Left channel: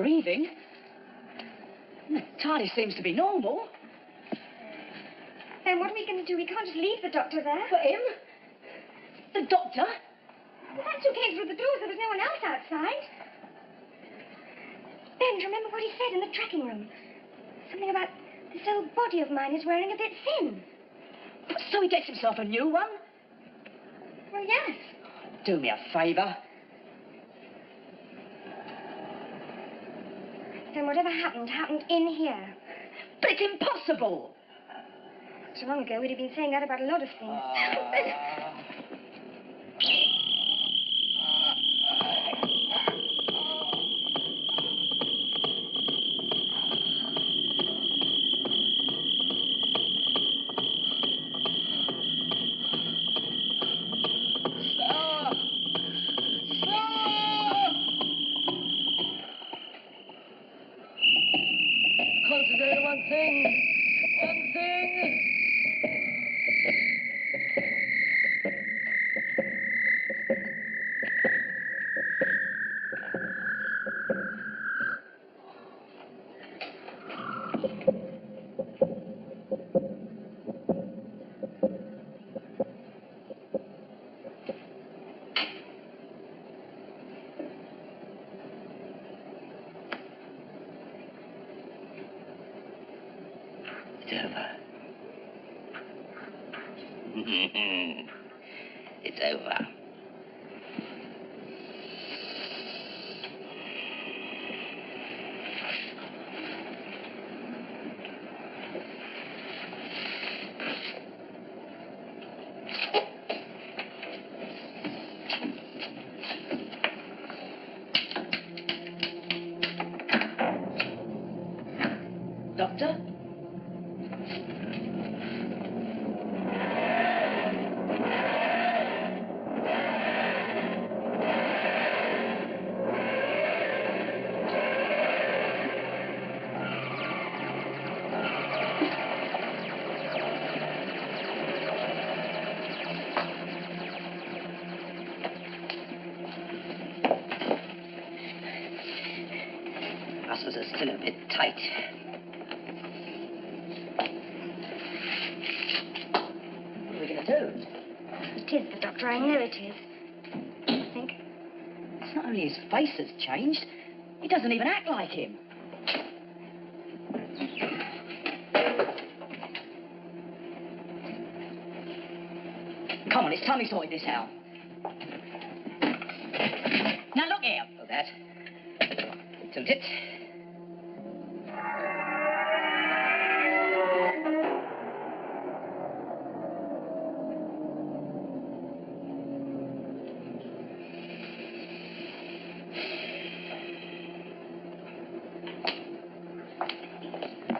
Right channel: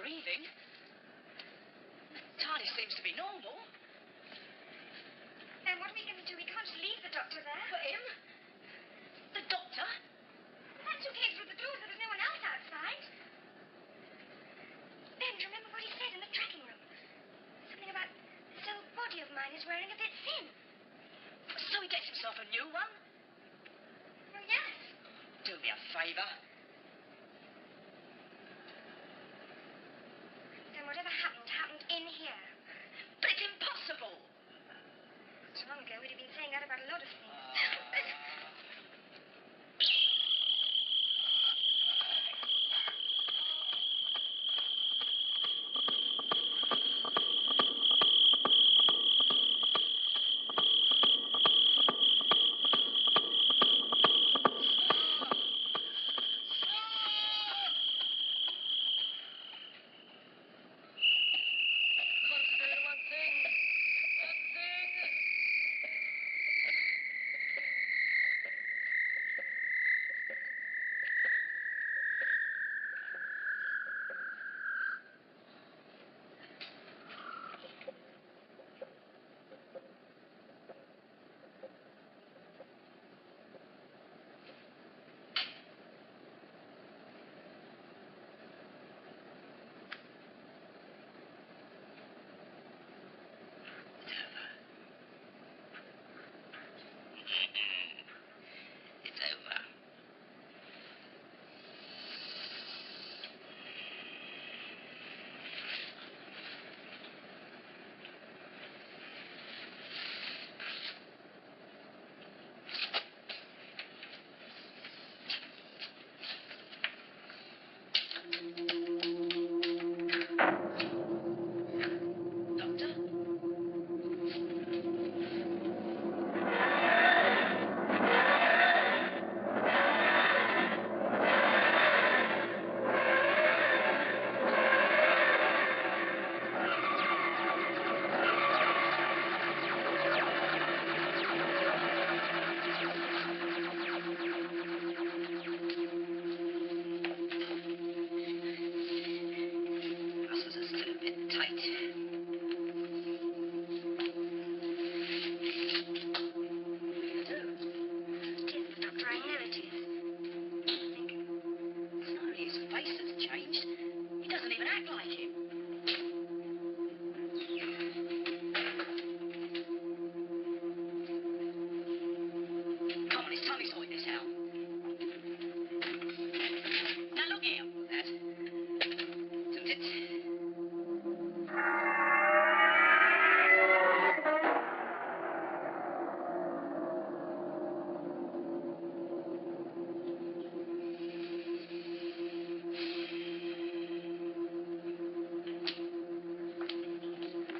breathing. The TARDIS seems to be normal. Then what are we going to do? We can't just leave the doctor there. For him? The doctor? Well, that's who came through the doors. There was no one else outside. Ben, do you remember what he said in the tracking room? Something about this old body of mine is wearing a bit thin. So he gets himself a new one? Well, yes. Do me a favour. Then whatever happened in here. But it's impossible. So long ago, we'd have been saying that about a lot of things. Concentrate on one thing. One thing. It's over. It's over. Doctor? Muscles are still a bit tight. What are we going to do? It is the doctor. I know it is. I think. It's not only his face that's changed, he doesn't even act like him. Come on, it's time we sorted this out. Now look here. Look that. Tilt it.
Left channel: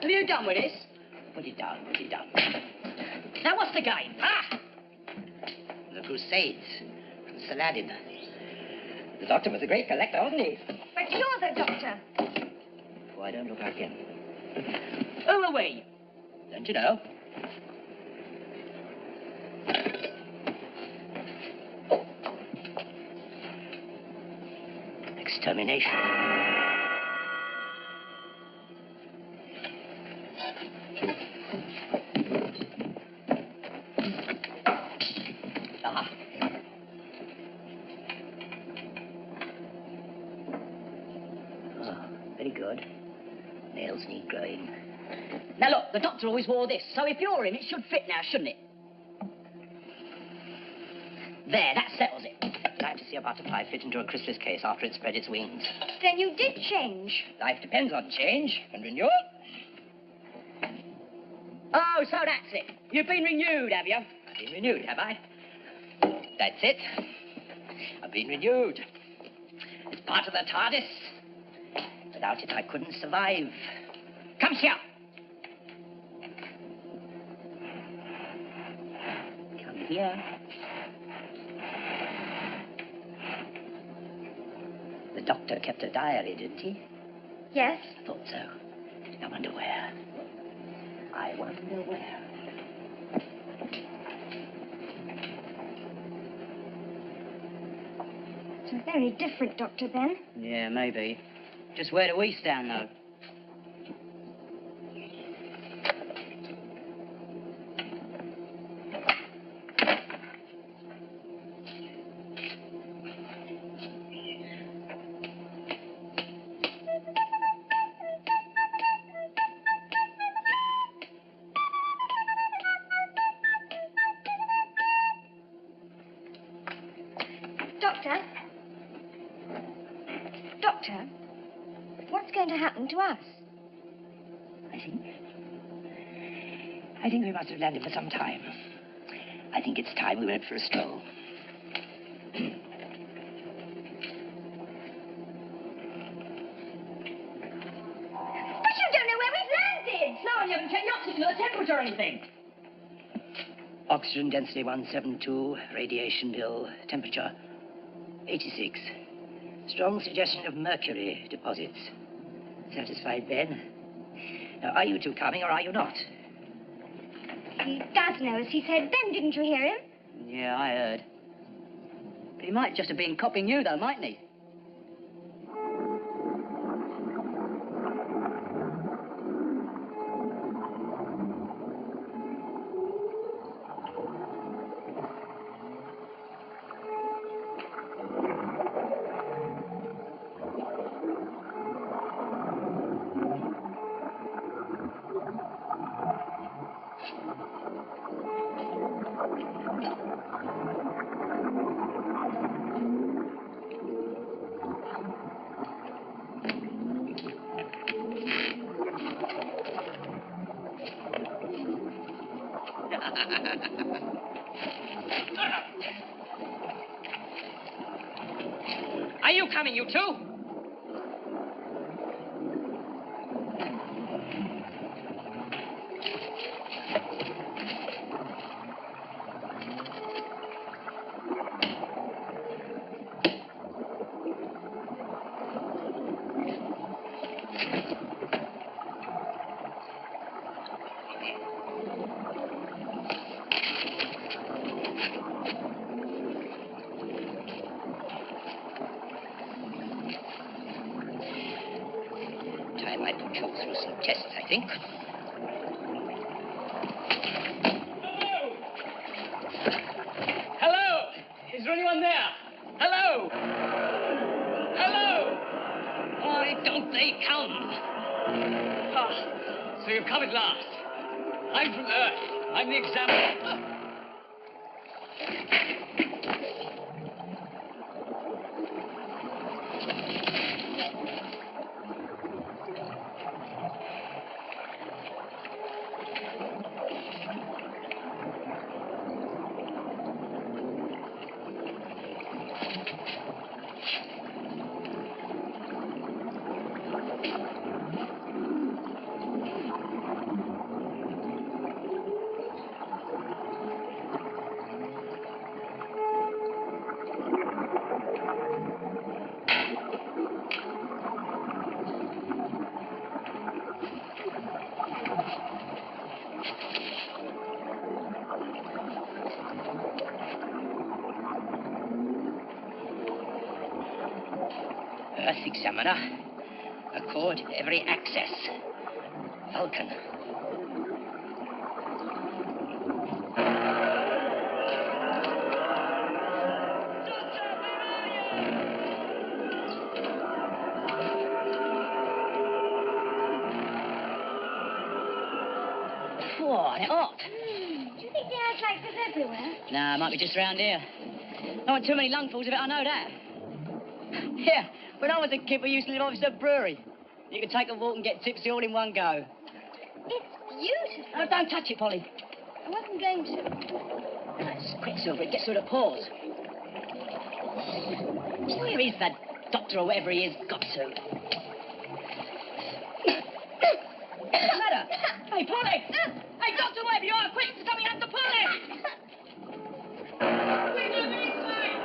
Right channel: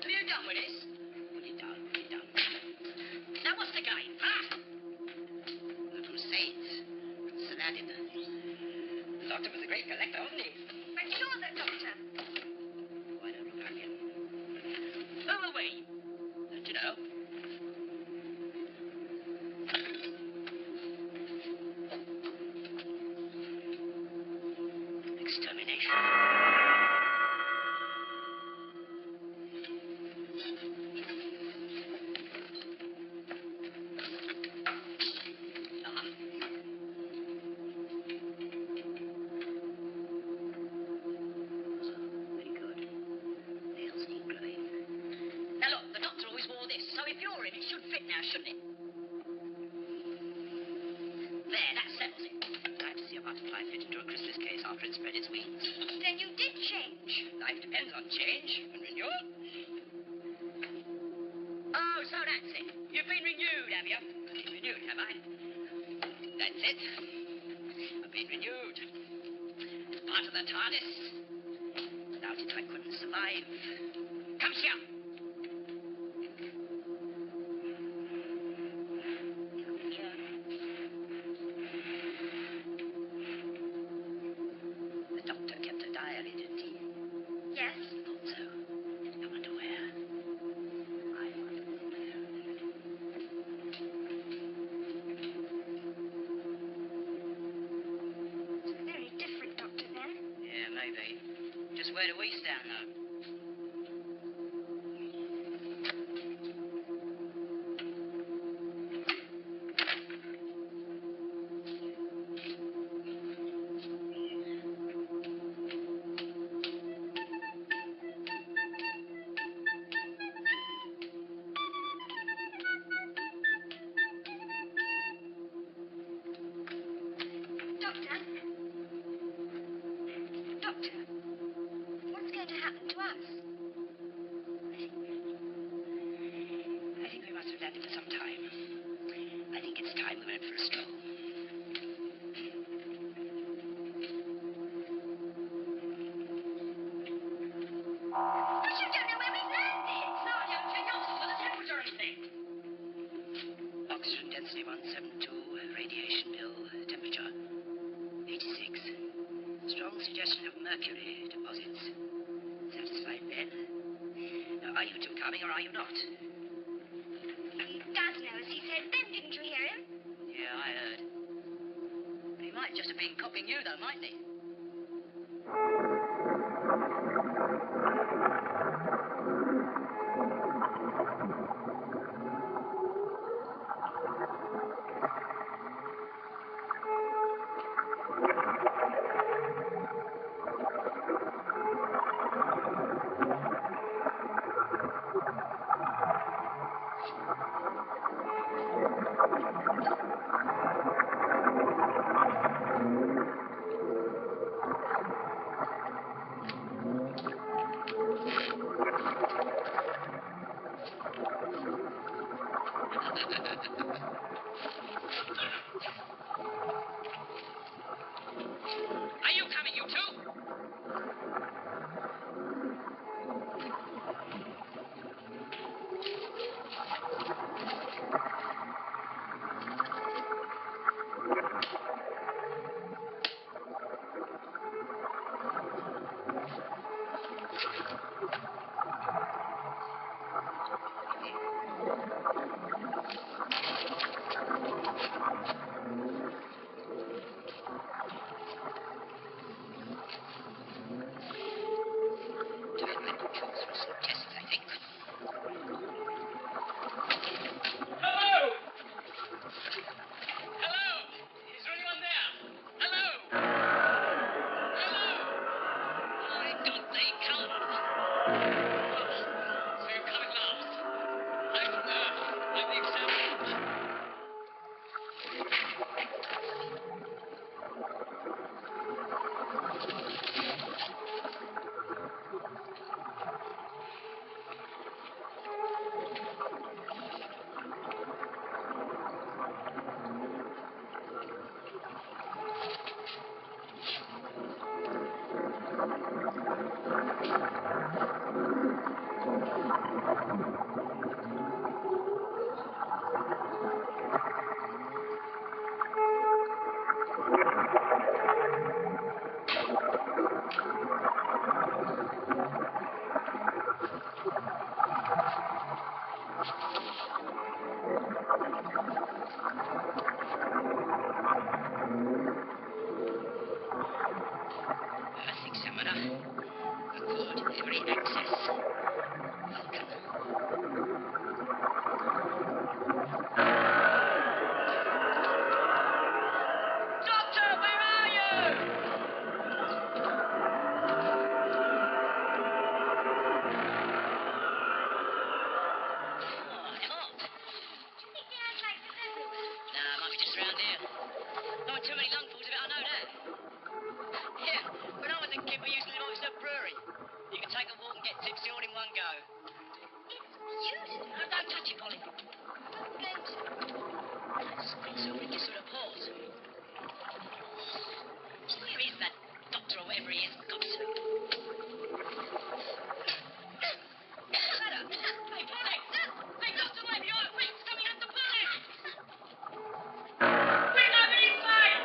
Have you done with this? Put it down, put it down. Now what's the game? Ah! The Crusades. From Saladin. The doctor was a great collector, wasn't he? But you're the doctor. Why don't look like him? Who are we? Don't you know? Extermination. Ah. Oh, very good. Nails need growing. Now look, the doctor always wore this, so if you're him, it should fit now, shouldn't it? There, that settles it. Time to see a butterfly fit into a chrysalis case after it spread its wings. Then you did change. Life depends on change and renewal. Oh, so that's it. You've been renewed, have you? I've been renewed, have I? That's it. I've been renewed. It's part of the TARDIS. Without it, I couldn't survive. Come here. Come here. The doctor kept a diary, didn't he? Yes. I thought so. I wonder where. I wonder where. It's a very different doctor, Ben. Yeah, maybe. Just where do we stand, though? Doctor, what's going to happen to us? I think we must have landed for some time. I think it's time we went for a stroll. But you don't know where we've landed! No, you haven't checked the oxygen or the temperature or anything. Oxygen density 172, radiation bill, temperature 86. Strong suggestion of mercury deposits. Satisfied, Ben? Now, are you two coming or are you not? Dad knows. He said, Ben, didn't you hear him? Yeah, I heard. But he might just have been copying you, though, mightn't he? Are you coming, you two? Time I put you through some tests, I think. Hello? Is there anyone there? Hello? Hello? Why don't they come? Ah, so you've come at last. I'm from Earth. I'm the examiner. Earth Examiner. Accord every access. Vulcan. Doctor, where are you? What? Hot. Do you think the air's like this everywhere? Nah, might be just round here. Don't want too many lungfuls of it, I know that. Yeah, when I was a kid, we used to live opposite a brewery. You could take a walk and get tipsy all in one go. It's beautiful. Oh, don't touch it, Polly. I wasn't going to. That's quicksilver. It gets through the pores. Where is that doctor or whatever he is got to? What's the matter? Hey, Polly! Hey, doctor, wherever you are, quick! It's coming up to Polly! Quick, open inside!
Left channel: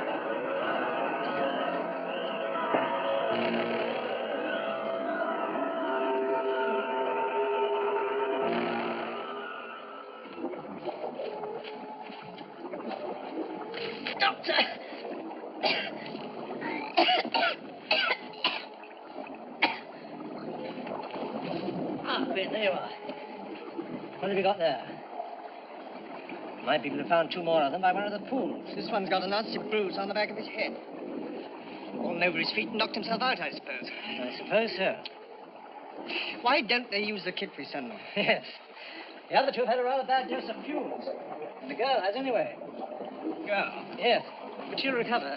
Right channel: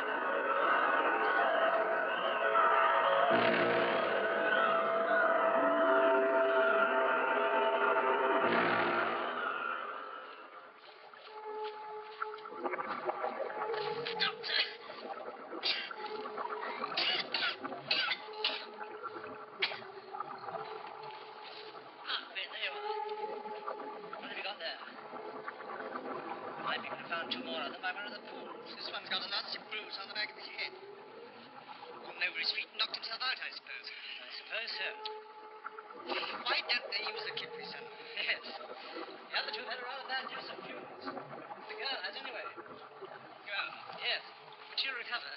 Doctor! There you are. What have you got there? My people have found 2 more of them by one of the pools. This one's got a nasty bruise on the back of his head. Fallen over his feet and knocked himself out, I suppose. I suppose so. Why don't they use the kit we send them? Yes. The other 2 have had a rather bad dose of fumes. The girl has anyway. Girl? Yes. But she'll recover.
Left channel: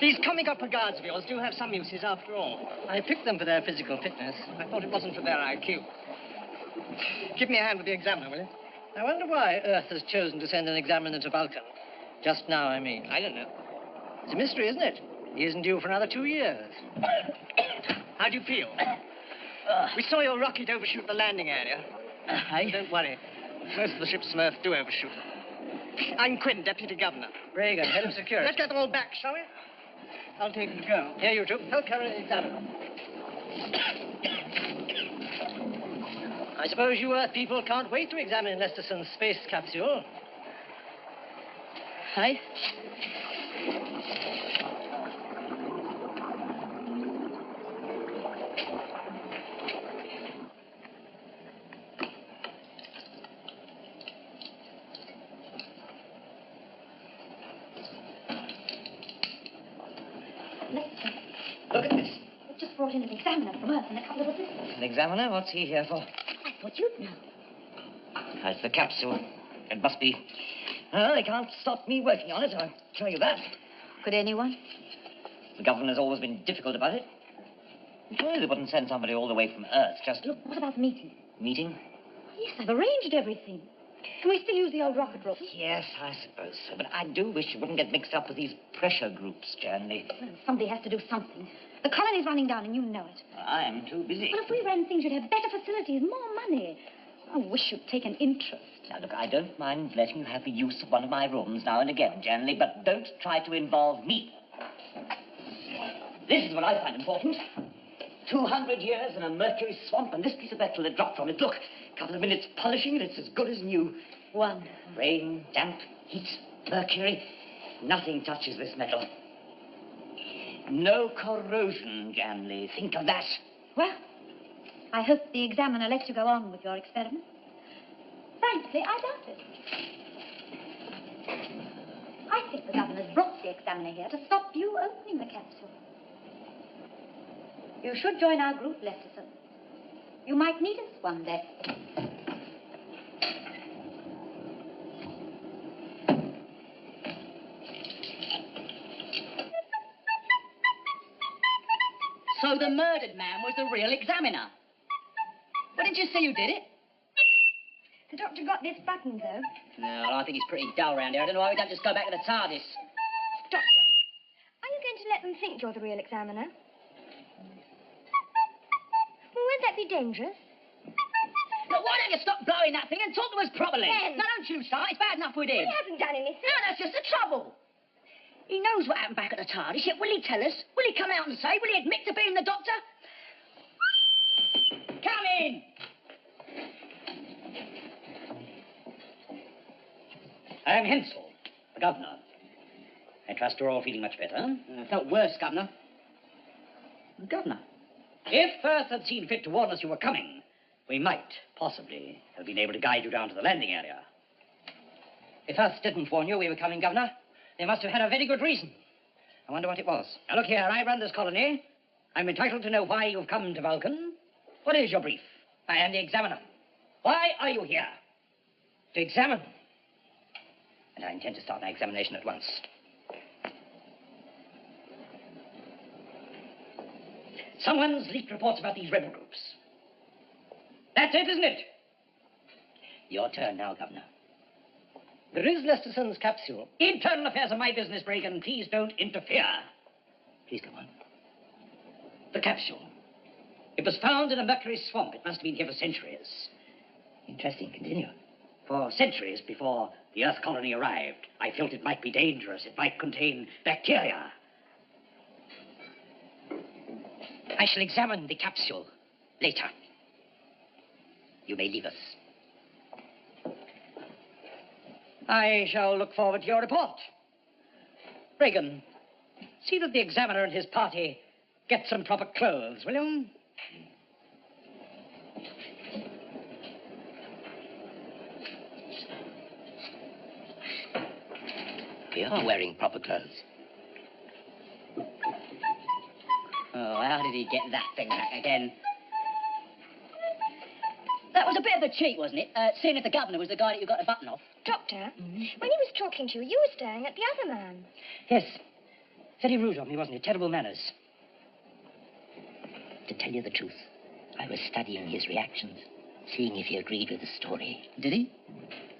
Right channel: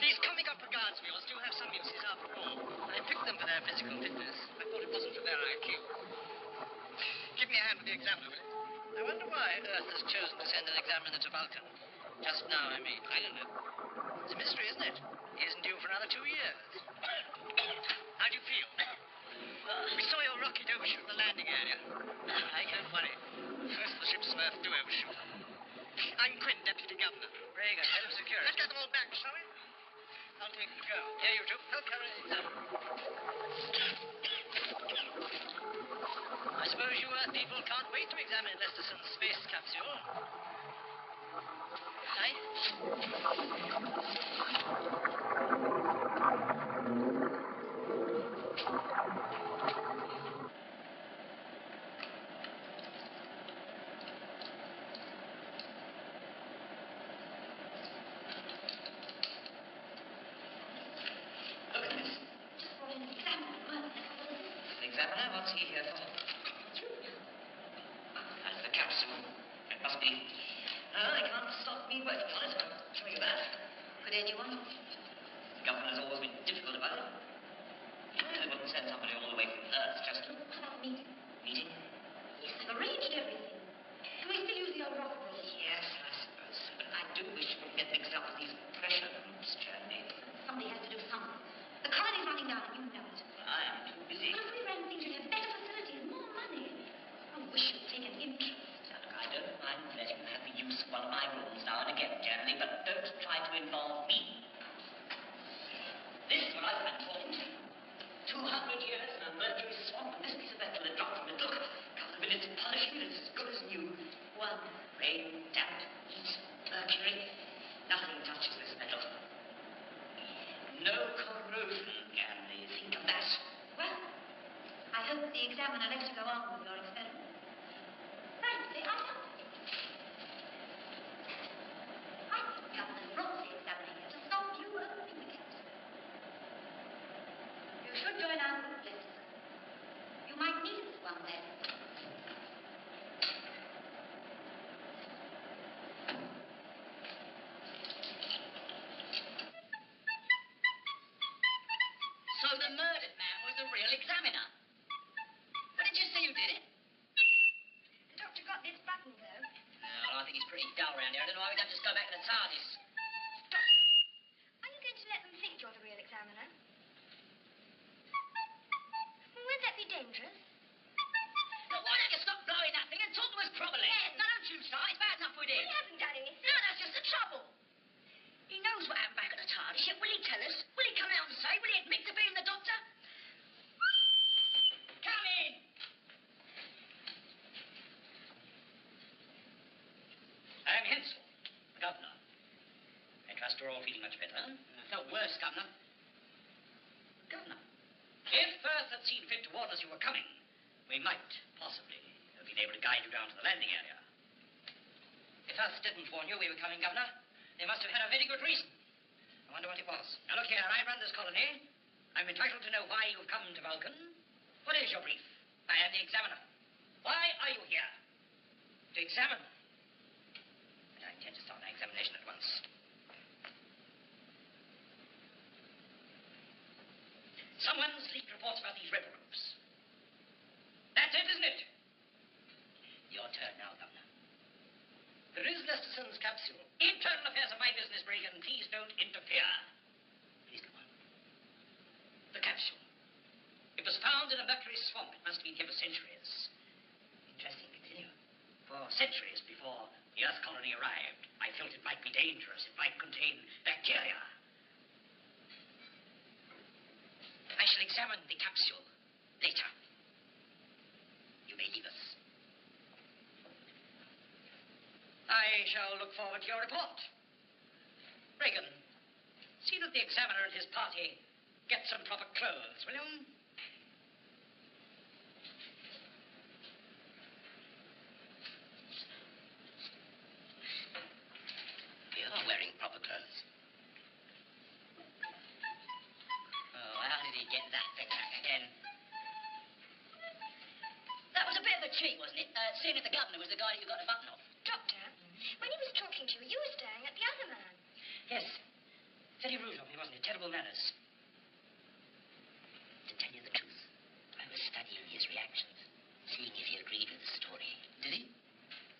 These comic opera guards of yours do have some uses after all. I picked them for their physical fitness. I thought it wasn't for their IQ. Give me a hand with the examiner, will you? I wonder why Earth has chosen to send an examiner to Vulcan. Just now, I mean. I don't know. It's a mystery, isn't it? He isn't due for another 2 years. How do you feel? We saw your rocket overshoot the landing area. Don't worry. Most of the ship's Smurf do overshoot. I'm Quinn, Deputy Governor. Reagan, head of security. Let's get them all back, shall we? I'll take them to go. Here, you 2. Help carry the examiner. I suppose you Earth people can't wait to examine Lesterson's space capsule. Hey? Lester, Look at this. we've just brought in an examiner from Earth and a couple of assistants. An examiner? What's he here for? I thought you'd know. That's the capsule. It must be. Well, they can't stop me working on it, I'll tell you that. Could anyone? The government has always been difficult about it. Surely they wouldn't send somebody all the way from Earth just to... Look, what about the meeting? Meeting? Yes, I've arranged everything. Can we still use the old rocket room? Yes, I suppose so. But I do wish you wouldn't get mixed up with these pressure groups, Janley. Well, somebody has to do something. The colony's running down, and you know it. I'm too busy. But if we ran things, you'd have better facilities, more money. I wish you'd take an interest. Now, look, I don't mind letting you have the use of one of my rooms now and again, Janley, but don't try to involve me. This is what I find important. 200 years in a mercury swamp, and this piece of metal that dropped from it. Look, a couple of minutes polishing, and it's as good as new. Wonderful. Rain, damp, heat, mercury. Nothing touches this metal. No corrosion, Janley. Think of that. Well, I hope the examiner lets you go on with your experiment. Frankly, I doubt it. I think the governor's brought the examiner here to stop you opening the capsule. You should join our group, Lesterson. You might need us one day. So the murdered man was the real examiner. What did you say you did it? The doctor got this button, though. No, I think he's pretty dull round here. I don't know why we don't just go back to the TARDIS. Doctor, are you going to let them think you're the real examiner? Well, won't that be dangerous? Look, why don't you stop blowing that thing and talk to us properly? Ben! No, don't you start. It's bad enough with him. He hasn't done anything. No, that's just the trouble. He knows what happened back at the TARDIS, yet will he tell us? Will he come out and say? Will he admit to being the doctor? Come in! I am Hensel, the governor. I trust you're all feeling much better. I felt worse, Governor. Governor, if Earth had seen fit to warn us you were coming, we might, possibly, have been able to guide you down to the landing area. If Earth didn't warn you we were coming, Governor, they must have had a very good reason. I wonder what it was. Now, look here, I run this colony. I'm entitled to know why you've come to Vulcan. What is your brief? I am the examiner. Why are you here? To examine. And I intend to start my examination at once. Someone's leaked reports about these rebel groups. That's it, isn't it? Your turn now, Governor. There is Lesterson's capsule. Internal affairs are my business, Reagan. Please don't interfere. Please go on. The capsule. It was found in a mercury swamp. It must have been here for centuries. Interesting. Continue. For centuries before the Earth colony arrived, I felt it might be dangerous. It might contain bacteria. I shall examine the capsule later. You may leave us. I shall look forward to your report. Reagan, see that the examiner and his party get some proper clothes, will you? We are wearing proper clothes. Oh, how did he get that thing back again? That was a bit of a cheat, wasn't it? Seeing if the governor was the guy that you got the button off. Doctor, when he was talking to you, you were staring at the other man. Yes. Very rude of me, wasn't it? Terrible manners. To tell you the truth, I was studying his reactions, seeing if he agreed with the story. Did he?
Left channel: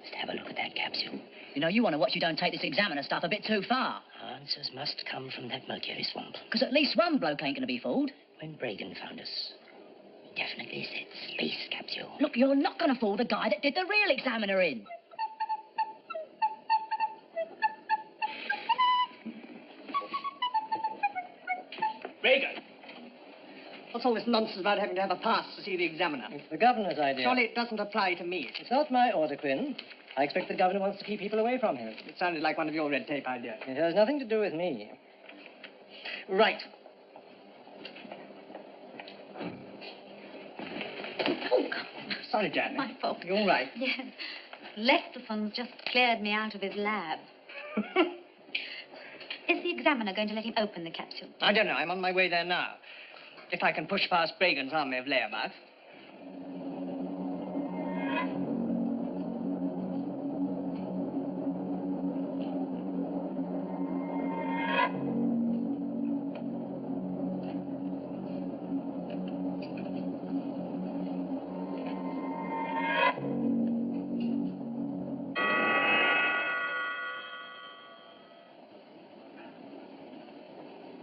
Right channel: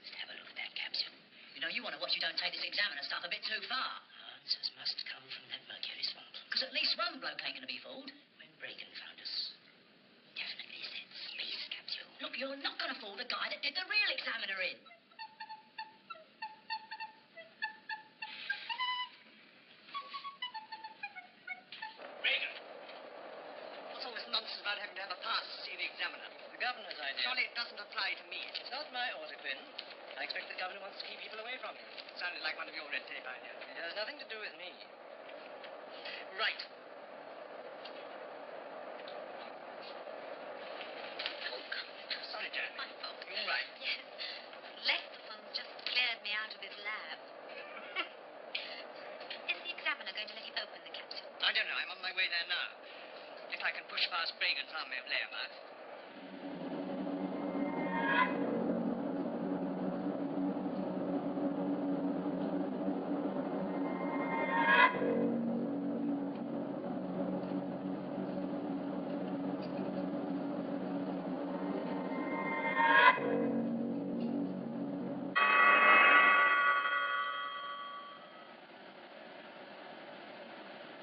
Just have a look at that capsule. You know, you want to watch you don't take this examiner stuff a bit too far. Answers must come from that mercury swamp. Because at least one bloke ain't going to be fooled. When Bragan found us, he definitely said space capsule. Look, you're not going to fool the guy that did the real examiner in. Bragan! What's all this nonsense about having to have a pass to see the examiner? It's the governor's idea. Surely it doesn't apply to me. It's not my order, Quinn. I expect the governor wants to keep people away from him. It sounded like one of your red tape ideas. It has nothing to do with me. Right. Oh, Sorry, Janet. my fault. You all right? Yes. Lesterson just cleared me out of his lab. Is the examiner going to let him open the capsule? I don't know. I'm on my way there now. If I can push past Bragan's army of layabouts.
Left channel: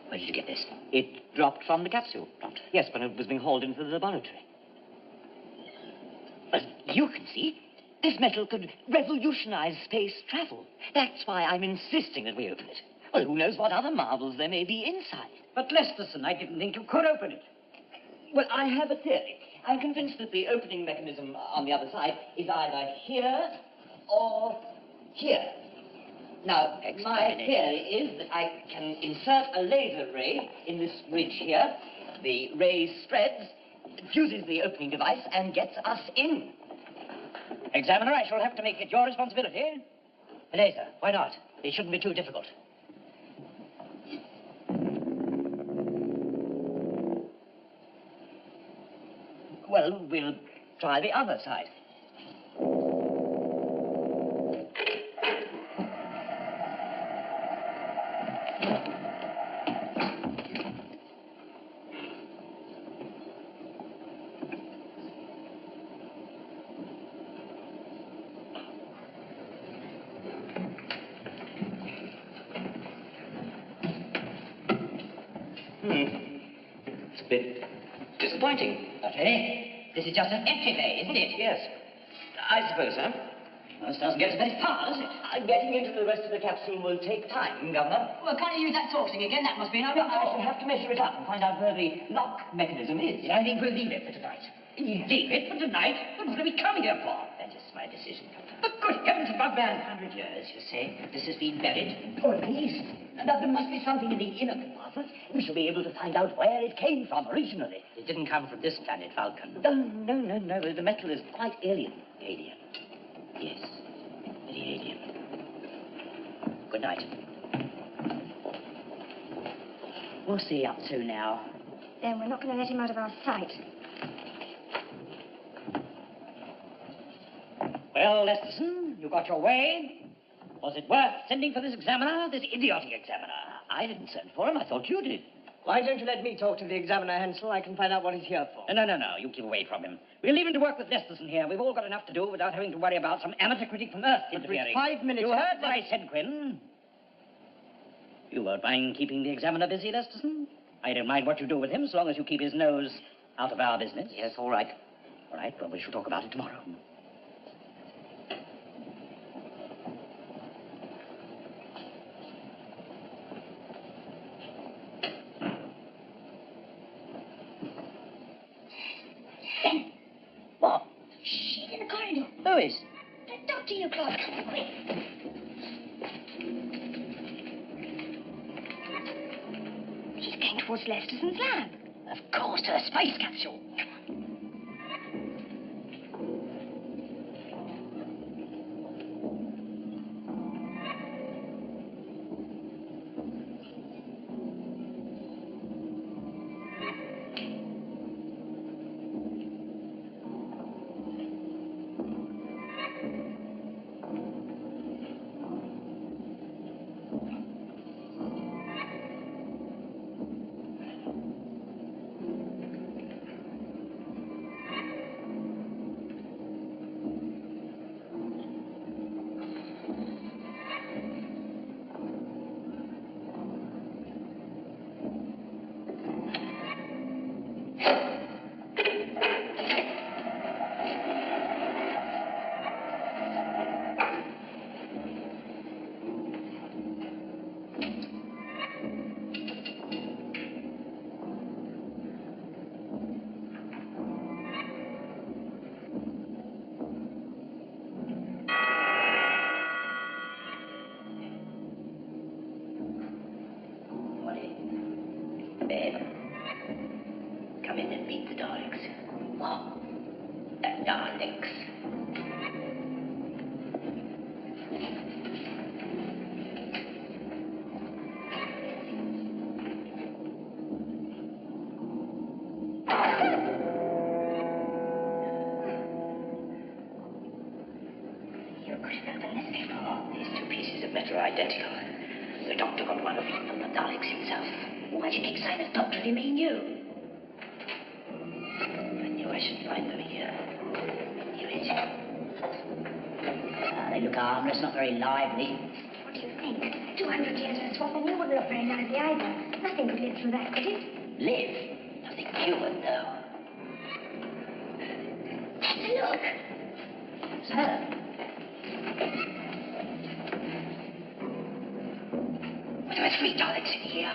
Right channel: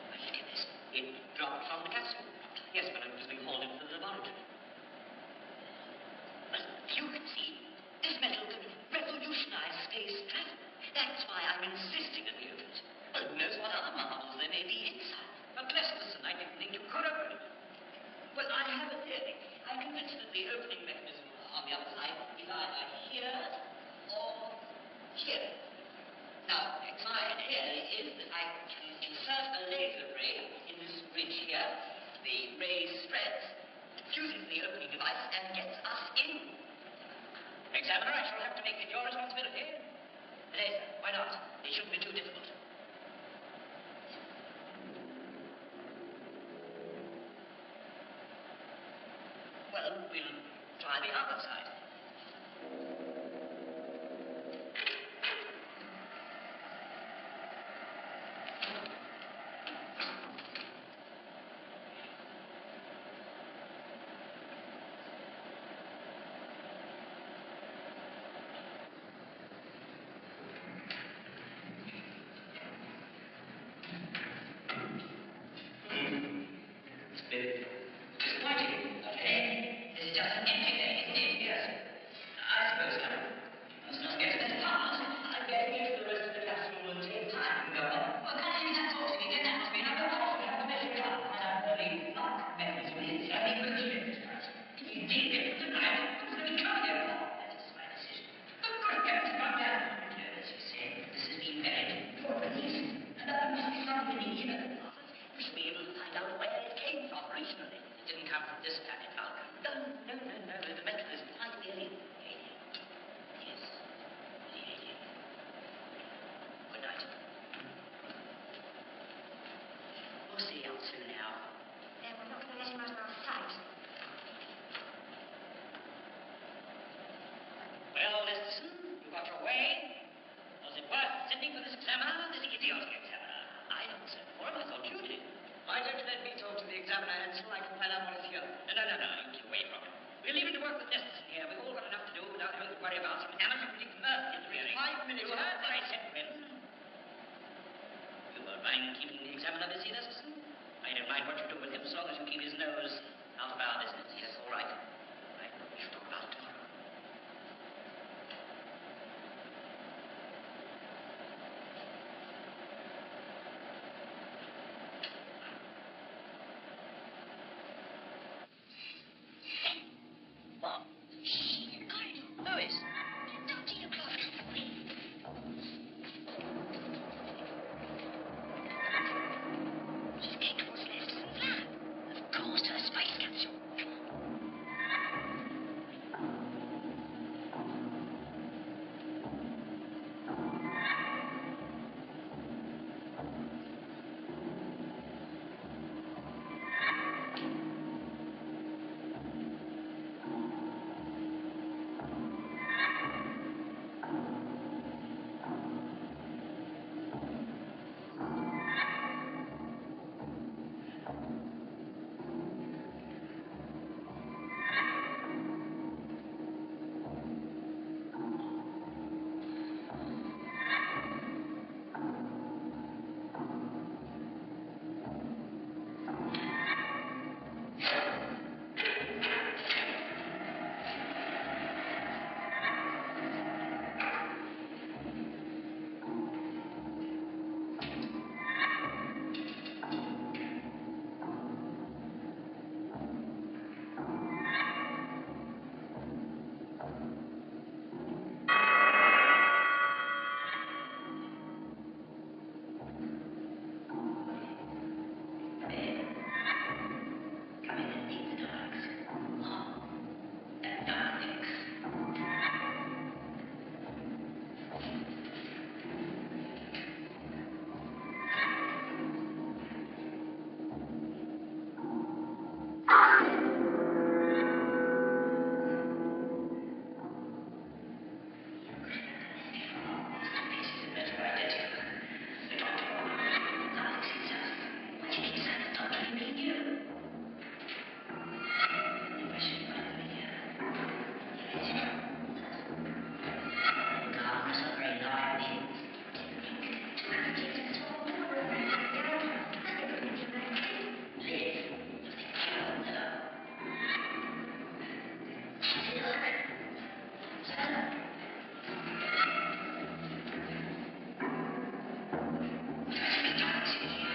Where did you get this? It dropped from the capsule. Yes, when it was being hauled into the laboratory. But you can see, this metal could revolutionize space travel. That's why I'm insisting that we open it. Well, who knows what other marvels there may be inside. But Lesterson, I didn't think you could open it. Well, I have a theory. I'm convinced that the opening mechanism on the other side is either here or here. Now, my theory is that I can insert a laser ray in this ridge here. The ray spreads, fuses the opening device, and gets us in. Examiner, I shall have to make it your responsibility. A laser, why not? It shouldn't be too difficult. Well, we'll try the other side. It's a bit disappointing. Okay. This is just an empty bay, isn't it? Yes. I suppose so. Well, this doesn't get to very far, does it? Getting into the rest of the capsule will take time, Governor. Well, can't you use that torch thing again? That must be an I shall have to measure it up and find out where the lock mechanism is. I think we'll leave it for tonight. Leave it for tonight? What are we coming here for? That is my decision. But good heavens, if I've been 100 years, you say, this has been buried. Oh, at least. Now, there must be something in the inner compartment. We shall be able to find out where it came from originally. It didn't come from this planet, Falcon. No. The metal is quite alien. Alien. Yes. Very alien. Good night. What's he up to now? Then we're not going to let him out of our sight. Well, Lesterson, you got your way. Was it worth sending for this examiner, this idiotic examiner? I didn't send for him. I thought you did. Why don't you let me talk to the examiner, Hansel? I can find out what he's here for. No. You keep away from him. We'll leave him to work with Lesterson here. We've all got enough to do without having to worry about some amateur critic from Earth interfering. 5 minutes... You heard what I said, Quinn. You won't mind keeping the examiner busy, Lesterson? I don't mind what you do with him, so long as you keep his nose out of our business. Yes, all right. All right, well, we shall talk about it tomorrow. What? She's in the corridor. Who is? Doctor, you close. Quick. She's going towards Lesterson's lab. Of course, to the space capsule. You could have done this before. These two pieces of metal are identical. The doctor on one of them, and the Daleks himself. Why did he sign the doctor if he knew? I knew I should find them here. Here it is. They look harmless, not very lively. What do you think? 200 years to swap a woman referendum with the island. Nothing could live through that, could it? Live? Nothing human, no. Look. Sir. What about three Daleks in here?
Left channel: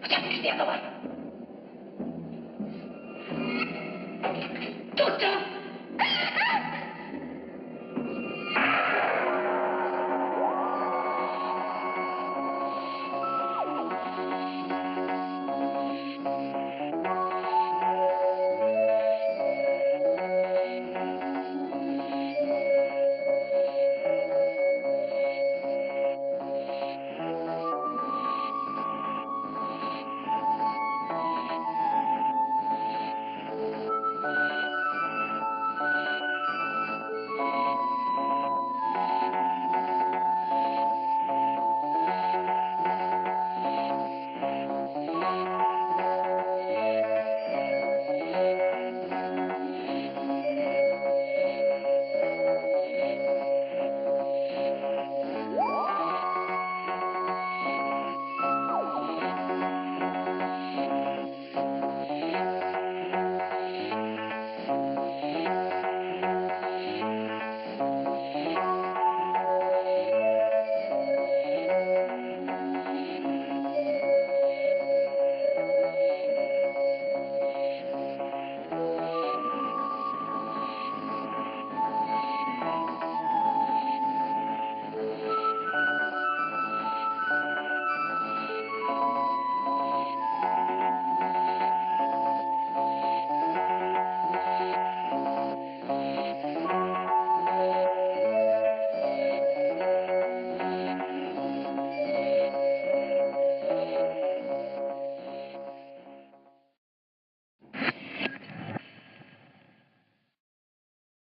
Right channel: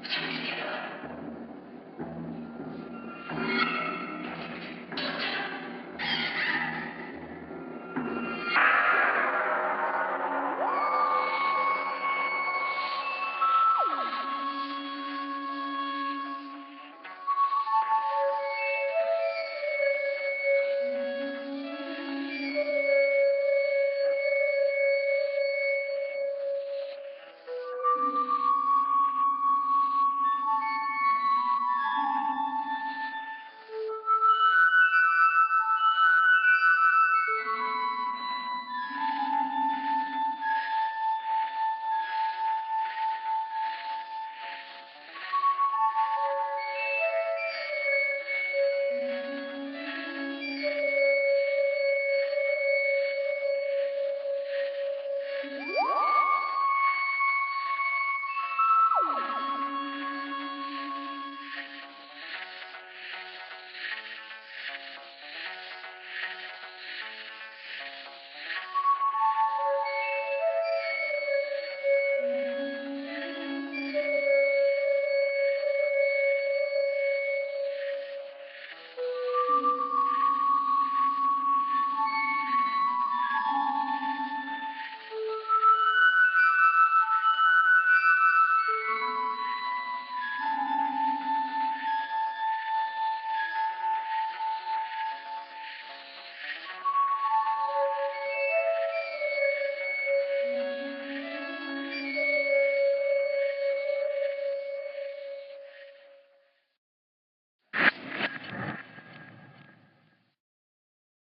What's happened to the other one?